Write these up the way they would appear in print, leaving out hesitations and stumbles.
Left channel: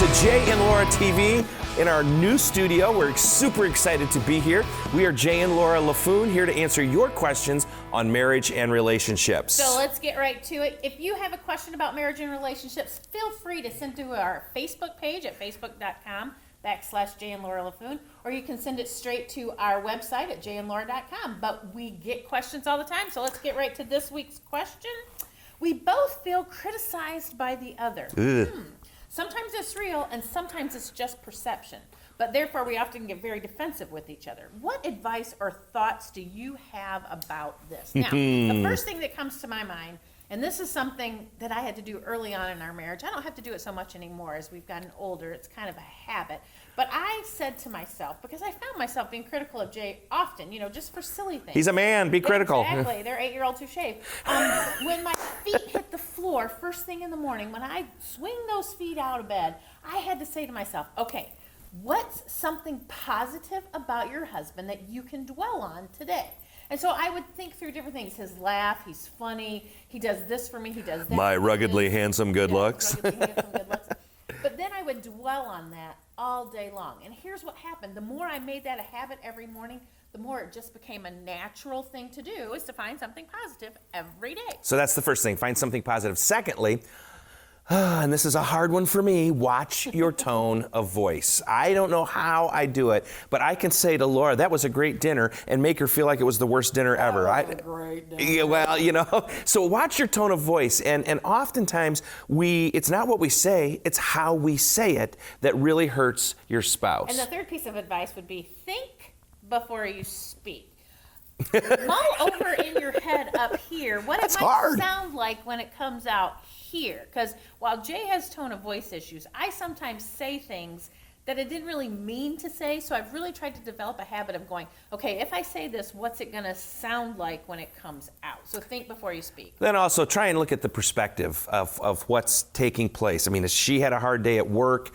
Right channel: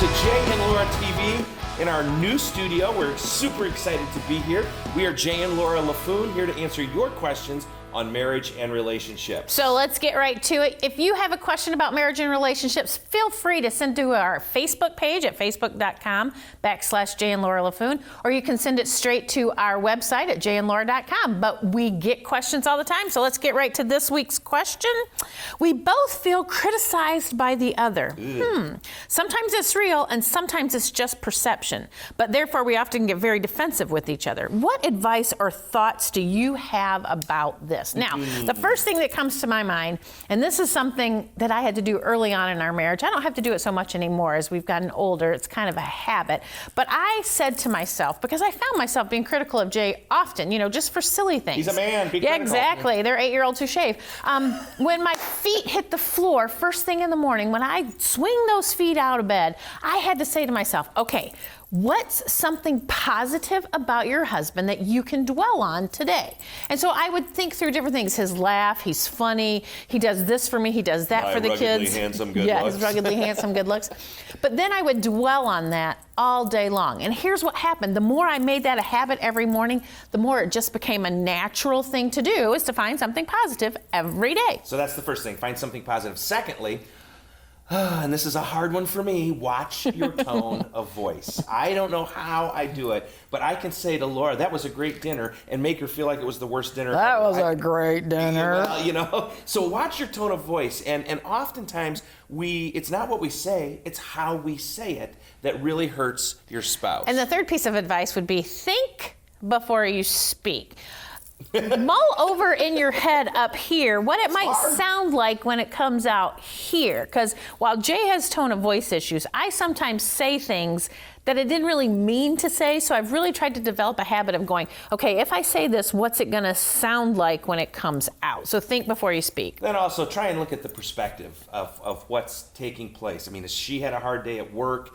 to Jay and Laura TV in our new studio. We're super excited to be here. We are Jay and Laura Laffoon here to answer your questions on marriage and relationships. So let's get right to it. If you have a question about marriage and relationships, feel free to send to our Facebook page at facebook.com/Jay and Laura Laffoon, or you can send it straight to our website at jayandlaura.com. But we get questions all the time, so let's get right to this week's question. We both feel criticized by the other. Sometimes it's real and sometimes it's just perception, but therefore we often get very defensive with each other. What advice or thoughts do you have about this? Now, the first thing that comes to my mind, and this is something that I had to do early on in our marriage. I don't have to do it so much anymore as we've gotten older. It's kind of a habit. But I said to myself, because I found myself being critical of Jay often, just for silly things. He's a man, be critical. Exactly. They're 8-year-olds who shave. When my feet hit the floor first thing in the morning, when I swing those feet out of bed, I had to say to myself, okay, what's something positive about your husband that you can dwell on today? And so I would think through different things. His laugh, he's funny, he does this for me, he does that for the kids. My ruggedly handsome good looks. His ruggedly handsome good looks. But then I would dwell on that all day long. And here's what happened. The more I made that a habit every morning, the more it just became a natural thing to do, is to find something positive every day. So that's the first thing, find something positive. Secondly, and this is a hard one for me, watch your tone of voice. I don't know how I do it, but I can say to Laura, that was a great dinner, and make her feel like it was the worst dinner ever. That was a great dinner. Well, so watch your tone of voice, and oftentimes it's not what we say, it's how we say it that really hurts your spouse. And the third piece of advice would be think before you speak. Mull over in your head up here what it might sound like when it comes out here. Because while Jay has tone of voice issues, I sometimes say things that I didn't really mean to say. So I've really tried to develop a habit of going, okay, if I say this, what's it going to sound like when it comes out? So think before you speak. Then also try and look at the perspective of what's taking place. I mean, she had a hard day at work,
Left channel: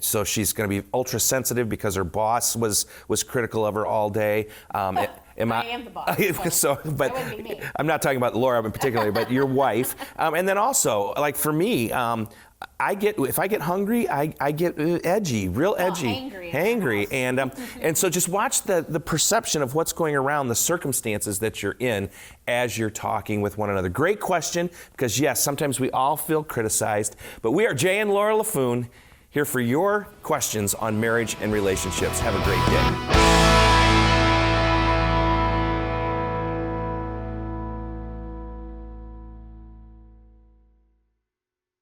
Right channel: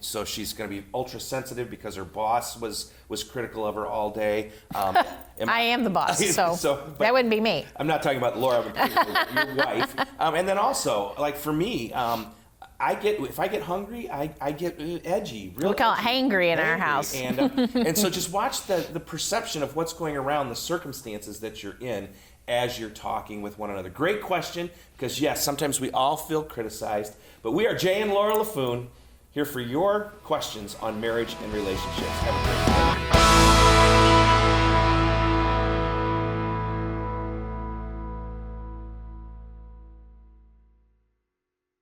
so she's going to be ultra sensitive because her boss was critical of her all day. I am the boss, so that wouldn't be me. I'm not talking about Laura in particular, but your wife. And then also, like for me, if I get hungry, I get edgy, real edgy. We call it hangry in our house. And so just watch the perception of what's going around, the circumstances that you're in as you're talking with one another. Great question, because yes, sometimes we all feel criticized, but we are Jay and Laura Laffoon here for your questions on marriage and relationships. Have a great day.